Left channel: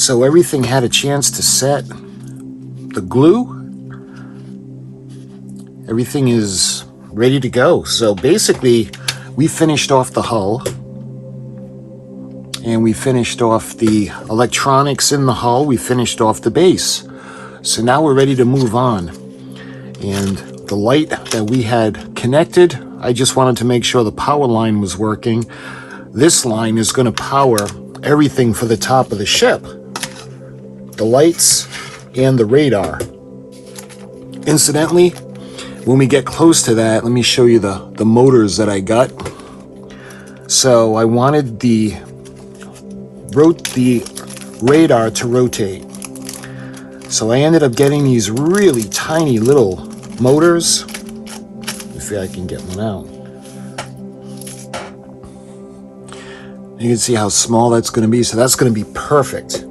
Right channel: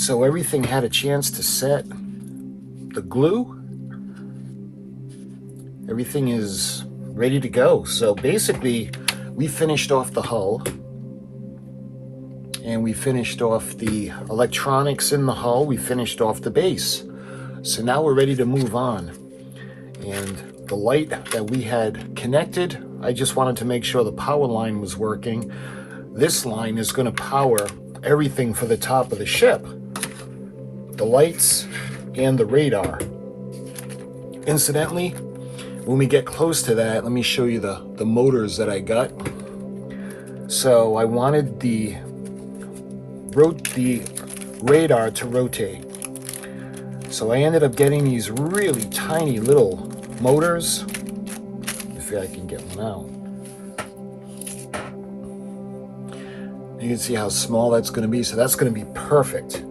So everything had a chance to set. The glue, everything is ready to go. So basically, we finished off the hull, and we finished off the electronics in the hull. We finished off the base. So now we're ready to move on. And the light that we had connected, I just wanted to make sure the power line was working. This line is going to power everything for the top of the ship. The lights and the radar. Incidentally, when we get close to that, let me show you the motors that I got. So I wanted the radar to rotate. So I ended up getting these really tiny little motors. If I can get one out. You can see how small that's going to be. So that's going to be perfect.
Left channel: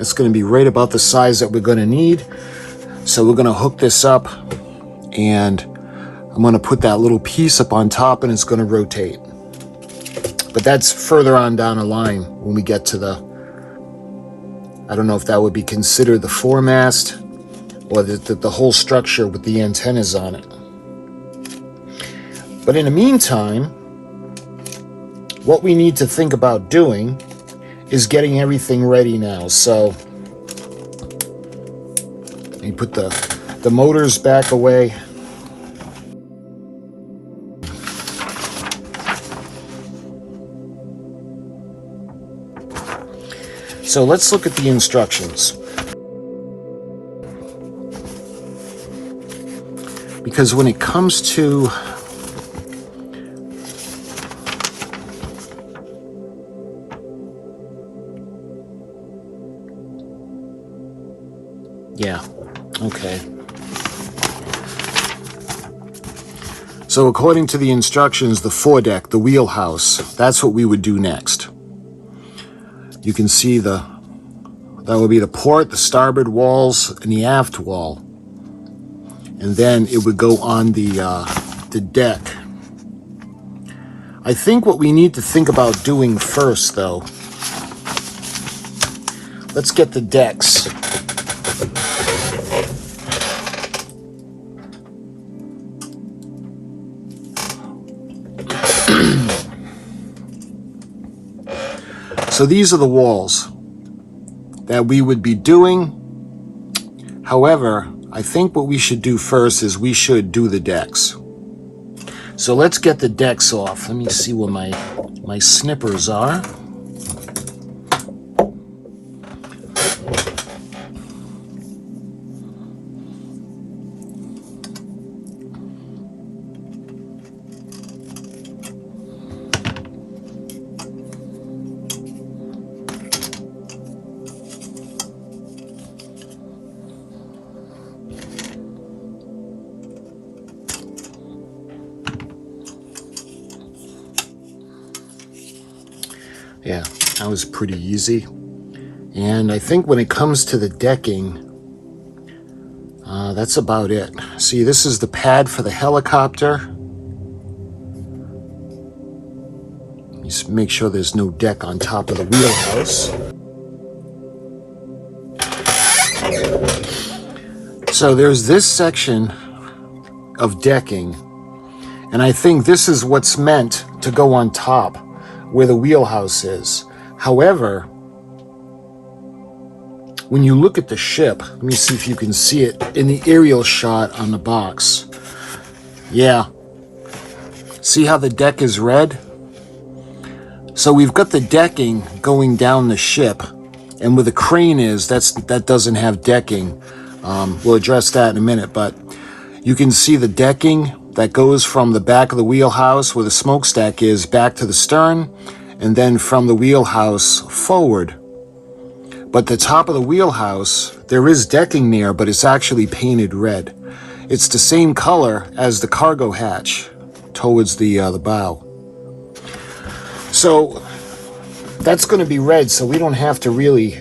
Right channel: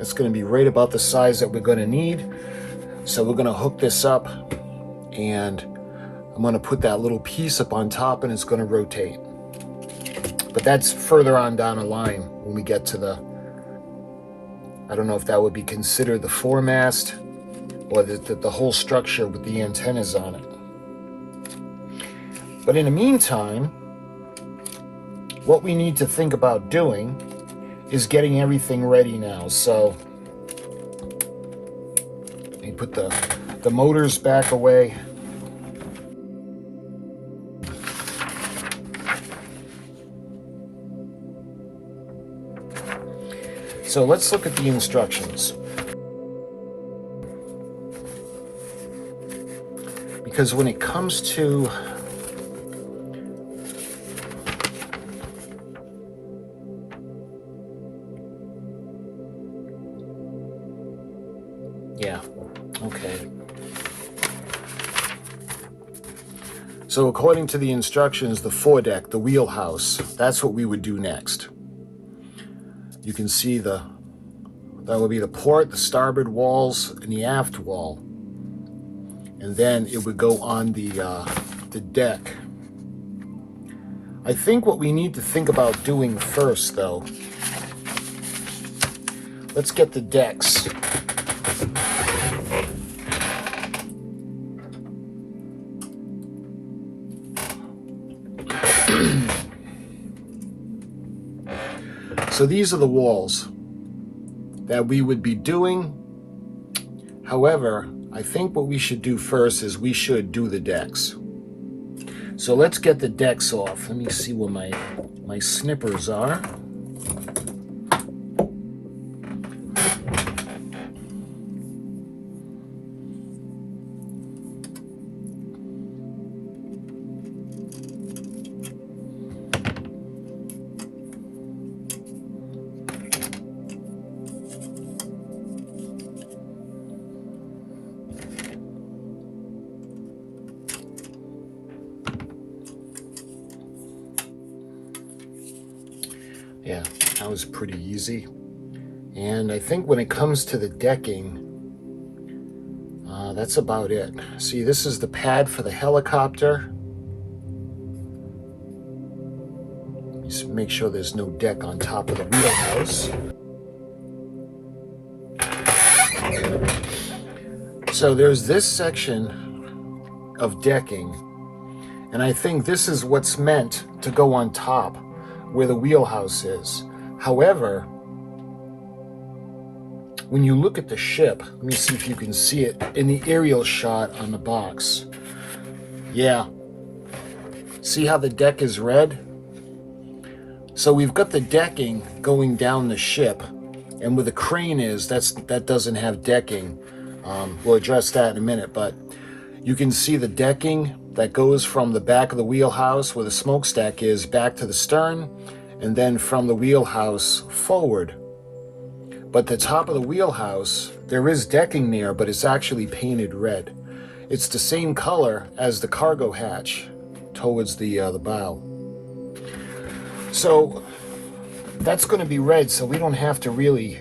It's going to be right about the size that we're going to need. So we're going to hook this up, and I'm going to put that little piece up on top, and it's going to rotate. But that's further on down the line when we get to the, I don't know if that would be considered the foremast or the whole structure with the antennas on it. But in the meantime, what we need to think about doing is getting everything ready now. So let me put the motors back away. So let's look at the instructions. Because when it comes to okay. So according to the instructions, the foredeck, the wheelhouse, that's what we would do next. You can see that would be the port, the starboard walls, and the aft wall. And then it would go on the deck. I think what we need to think about doing first, though, let's get the decks. So these are the walls that we would be doing. However, I think what we should do first is we should do the decks. So let's get the decks off. Let me see where my snippers are. Yeah, that was pretty easy. And I think when it comes to the decking, that's about it. See, this is the pad for the helicopter. Just make sure there's no deck on top of the wheelhouse. So there's this section of decking, and I think this is what's meant to go on top, where the wheelhouse is. However, when you look at the ship, let me see if you can see it in the aerial shot on the box. Yeah. See how the deck is red? So we've got the decking going down the ship, and where the crane is, that doesn't have decking. We'll address that in a minute, but you can see the decking that goes from the back of the wheelhouse where the smokestack is back to the stern, and then from the wheelhouse forward. But the top of the wheelhouse, there is decking there, but it's actually painted red. It's the same color as the cargo hatch towards the bow. So that's going to be red, so we don't have to really,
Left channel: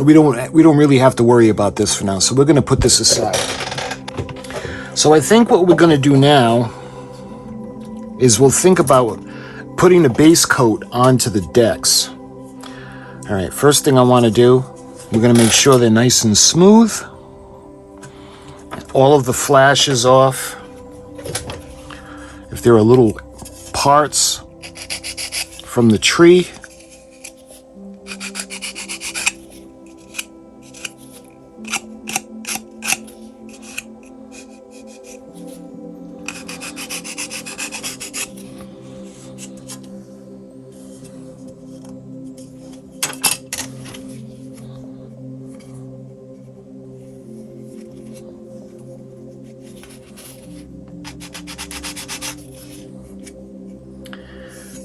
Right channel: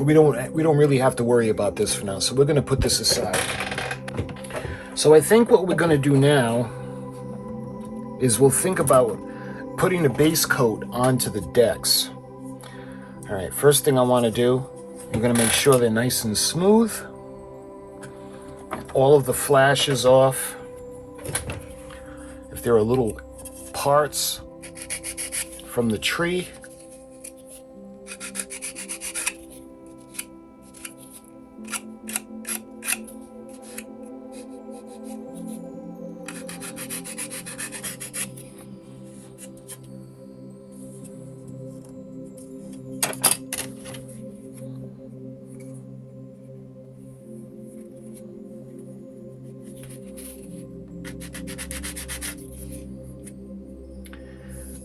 we don't really have to worry about this for now. So we're going to put this aside. So I think what we're going to do now is we'll think about putting a base coat onto the decks. All right, first thing I want to do, we're going to make sure they're nice and smooth. All of the flashes off. If there are little parts from the tree.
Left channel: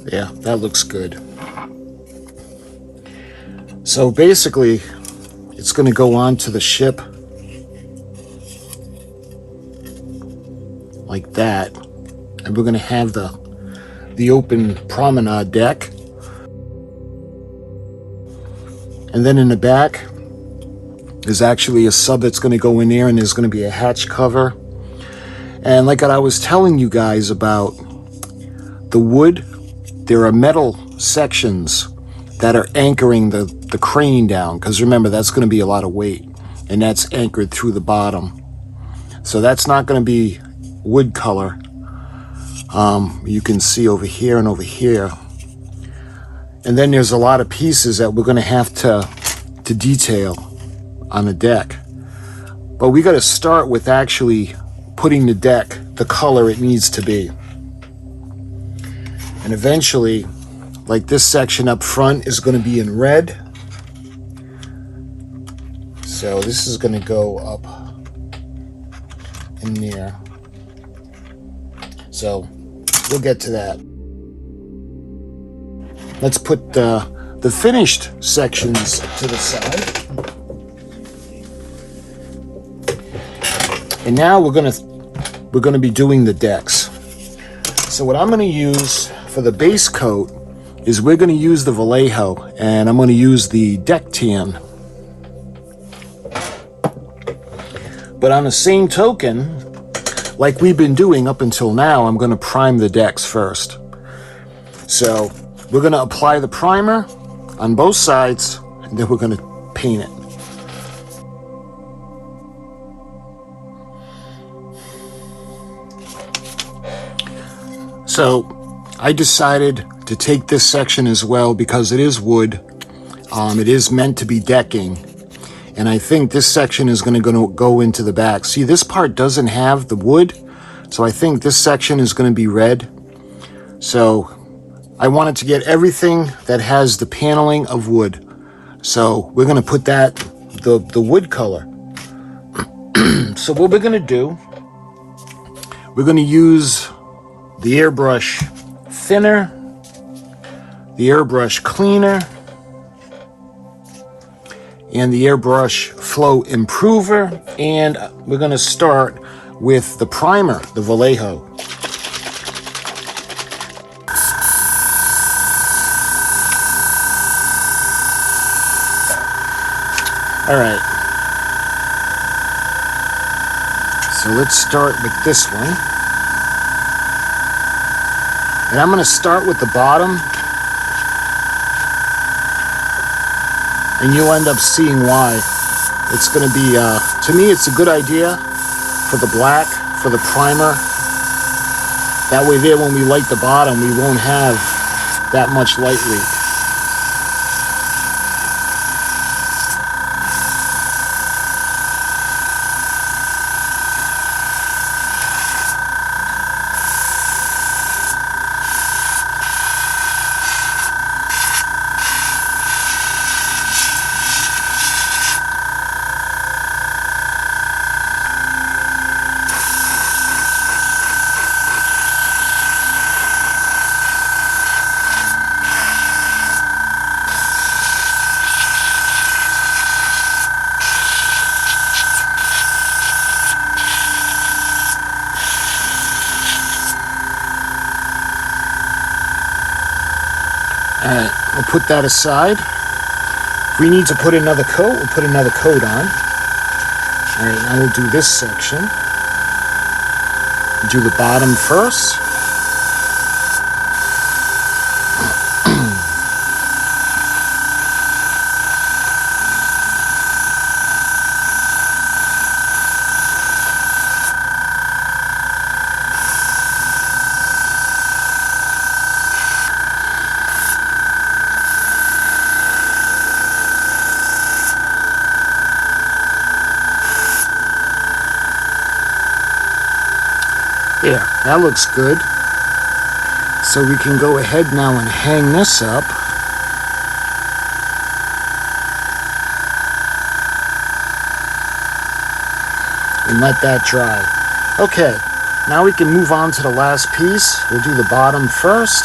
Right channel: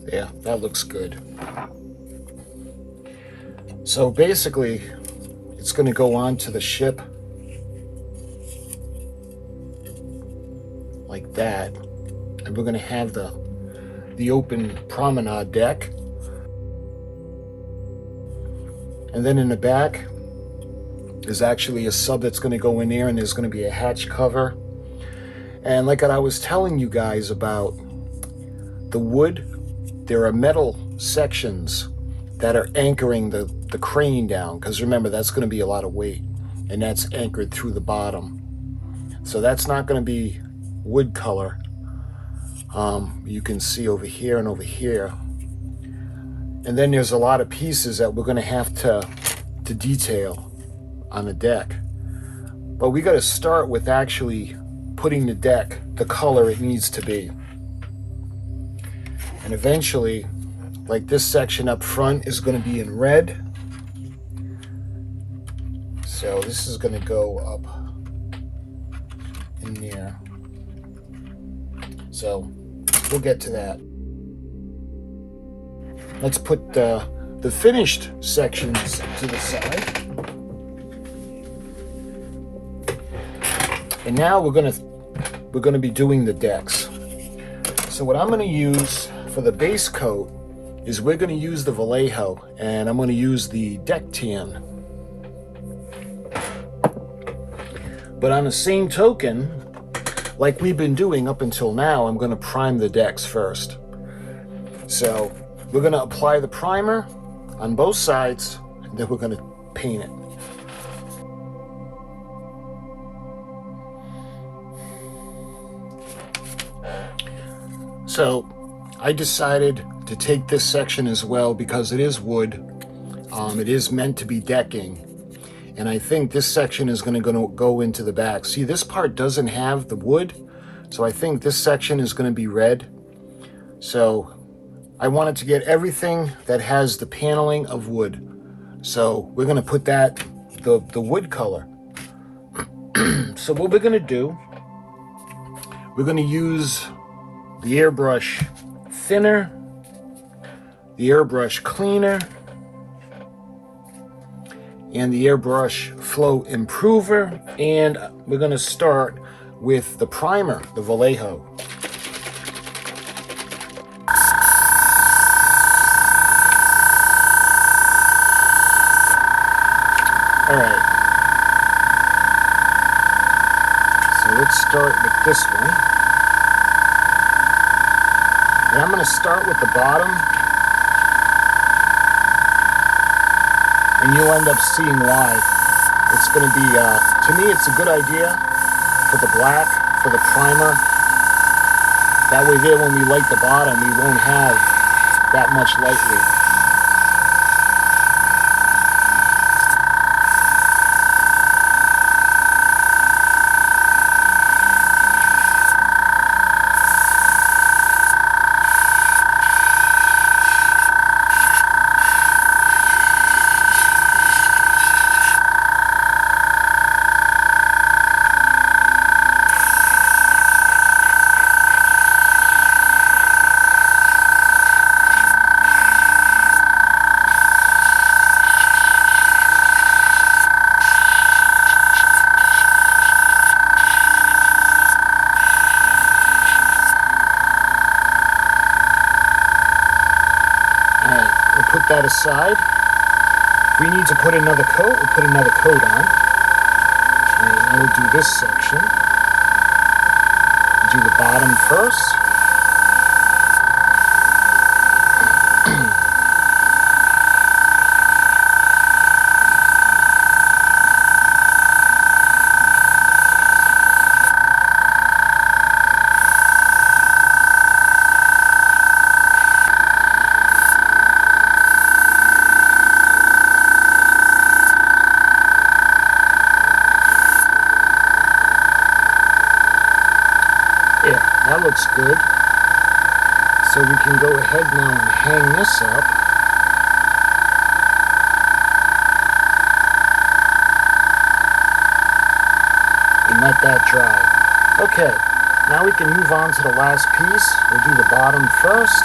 Yeah, that looks good. So basically, it's going to go onto the ship like that. And we're going to have the open promenade deck. And then in the back, there's actually a sub that's going to go in there, and there's going to be a hatch cover. And like I was telling you guys about the wood, there are metal sections that are anchoring the crane down, because remember, that's going to be a lot of weight, and that's anchored through the bottom. So that's not going to be wood color. You can see over here and over here. And then there's a lot of pieces that we're going to have to detail on the deck. But we got to start with actually putting the deck the color it needs to be. And eventually, like this section up front is going to be in red. So this is going to go up in there. So we'll get to that. Let's put the finished sections to the side. And now we're going to be doing the decks. So what I'm going to use for the base coat is we're going to use the Vallejo, and I'm going to use the deck tan. But on the same token, like we've been doing up until now, I'm going to prime the decks first. So we're going to apply the primer on both sides, and then we're going to paint it. So I decided to take this section as well because it is wood. It is meant to be decking. And I think this section is going to go into the back. See, this part doesn't have the wood, so I think this section is going to be red. So I wanted to get everything that has the paneling of wood. So we're going to put that, the wood color. So what we're going to do, we're going to use the airbrush thinner, the airbrush cleaner, and the airbrush flow improver, and we're going to start with the primer, the Vallejo. All right, so let's start with this one. And I'm going to start with the bottom, and you'll end up seeing why. It's going to be, to me, it's a good idea for the black, for the primer. That way there, when we light the bottom, we won't have that much light leak. We'll put that aside. If we need to put another coat, we'll put another coat on. All right, now we'll do this section. Do the bottom first. There, that looks good. So we can go ahead now and hang this up. And let that dry. Okay, now we can move on to the last piece. We'll do the bottom first.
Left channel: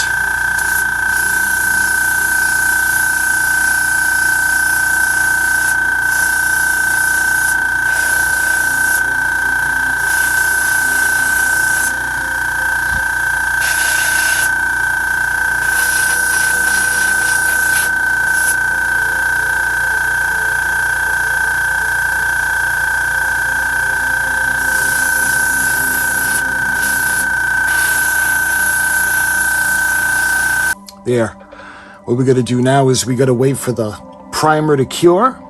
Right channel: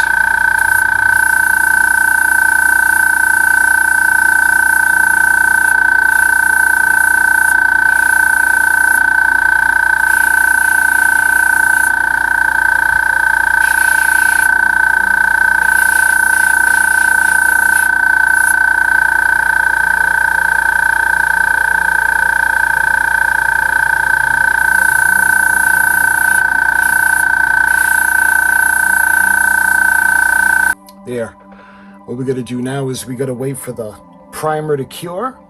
There. What we're going to do now is we got to wait for the primer to cure.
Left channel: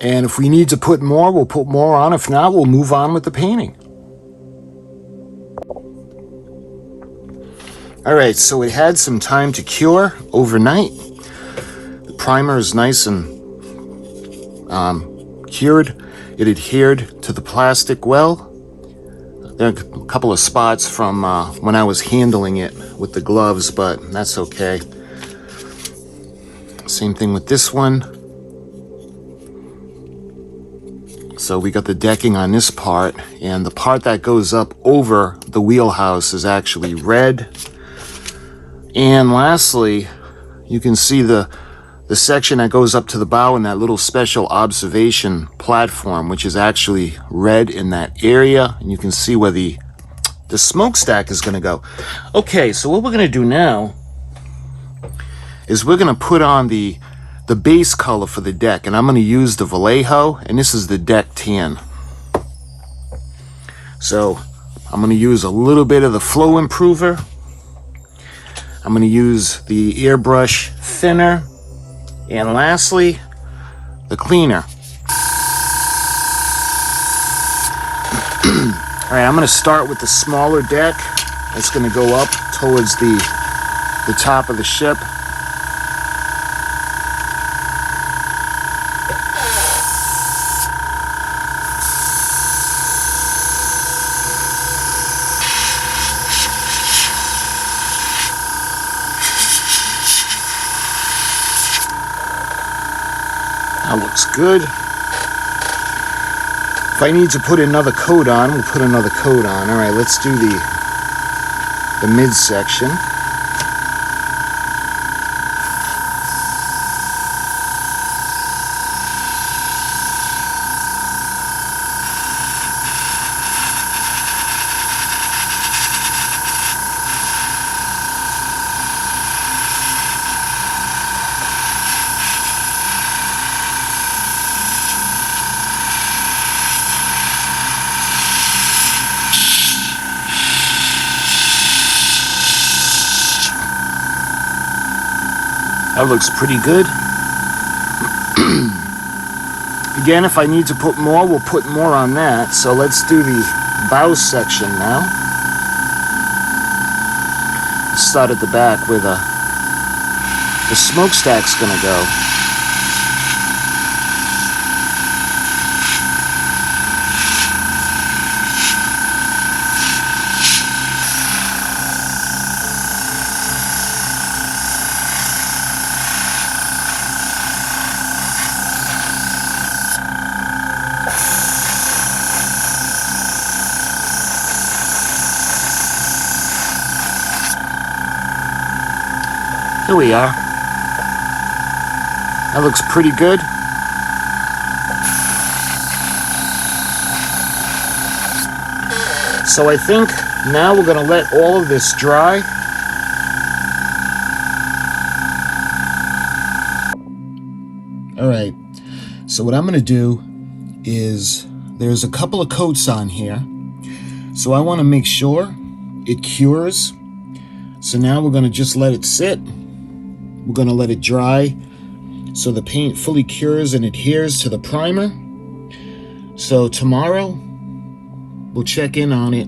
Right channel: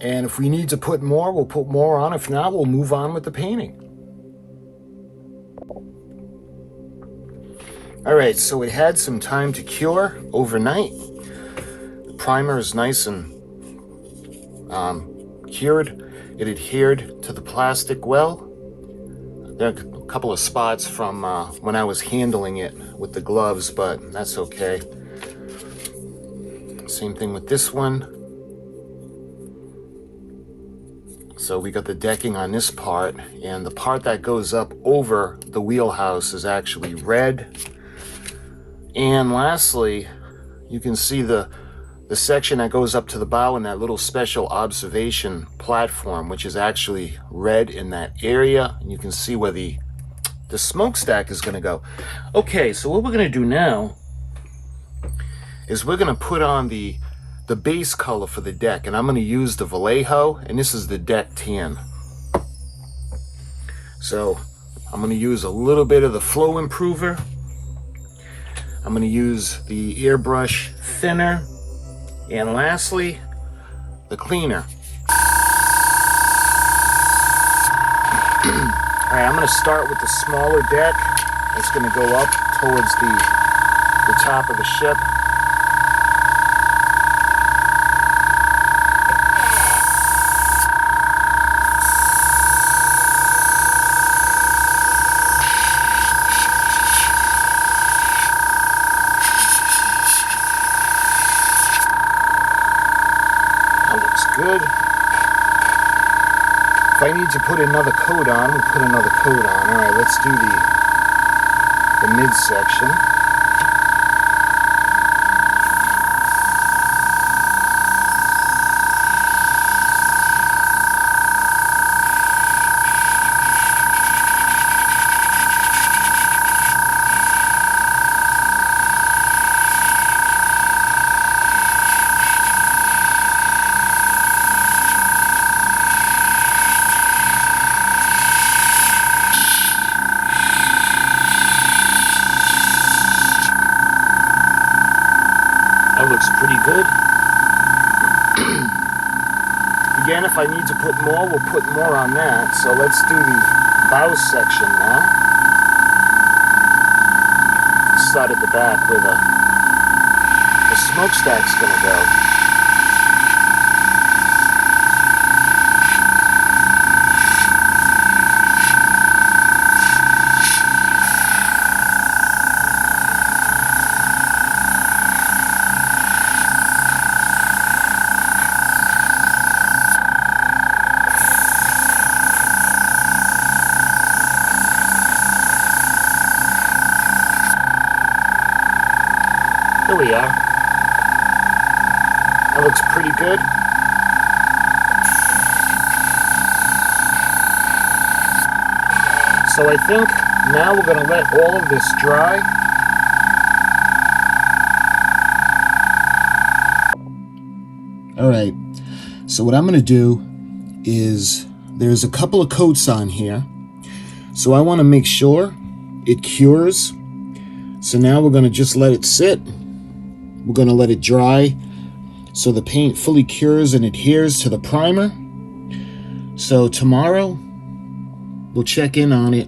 And if we need to put more, we'll put more on. If not, we'll move on with the painting. All right, so it had some time to cure overnight. The primer is nice and cured. It adhered to the plastic well. There are a couple of spots from when I was handling it with the gloves, but that's okay. Same thing with this one. So we got the decking on this part, and the part that goes up over the wheelhouse is actually red. And lastly, you can see the section that goes up to the bow and that little special observation platform, which is actually red in that area. And you can see where the smokestack is going to go. Okay, so what we're going to do now is we're going to put on the base color for the deck. And I'm going to use the Vallejo, and this is the deck tan. So I'm going to use a little bit of the flow improver. I'm going to use the airbrush thinner. And lastly, the cleaner. All right, I'm going to start with the smaller deck. It's going to go up towards the top of the ship. That looks good. If I need to put another coat on, we'll put another coat on. All right, let's do the midsection. That looks pretty good. Again, if I need to put more, we'll put more on that. So let's do the bow section now. Start at the back where the smokestack's gonna go. Here we are. That looks pretty good. So I think now we're going to let all of this dry. All right. So what I'm going to do is there's a couple of coats on here. So I want to make sure it cures. So now we're going to just let it sit. We're going to let it dry so the paint fully cures and adheres to the primer. So tomorrow we'll check in on it.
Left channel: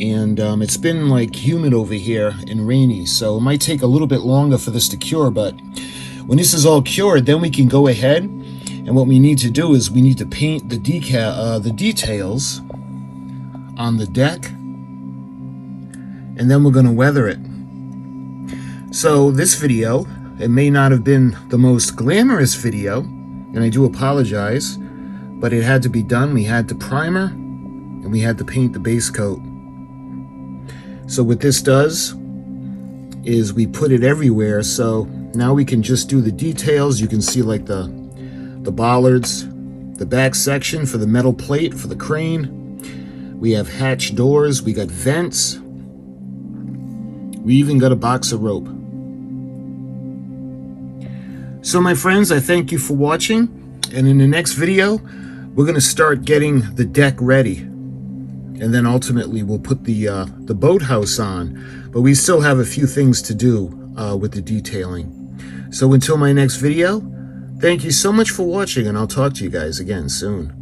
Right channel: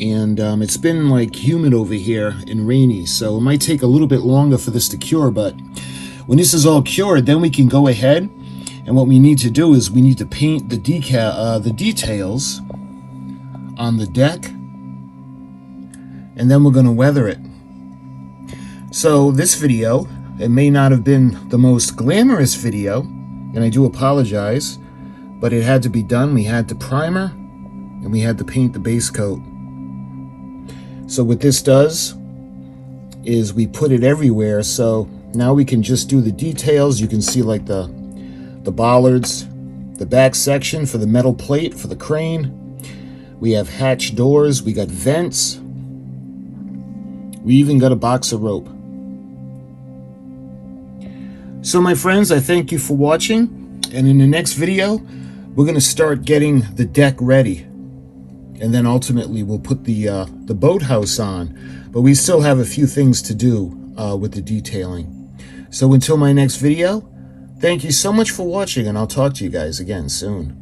And it's been like humid over here and rainy, so it might take a little bit longer for this to cure. But when this is all cured, then we can go ahead, and what we need to do is we need to paint the details on the deck, and then we're going to weather it. So this video, it may not have been the most glamorous video, and I do apologize, but it had to be done. We had to primer, and we had to paint the base coat. So what this does is we put it everywhere, so now we can just do the details. You can see like the bollards, the back section for the metal plate for the crane. We have hatch doors, we got vents. We even got a box of rope. So my friends, I thank you for watching, and in the next video, we're gonna start getting the deck ready. And then ultimately we'll put the boathouse on, but we still have a few things to do with the detailing. So until my next video, thank you so much for watching, and I'll talk to you guys again soon.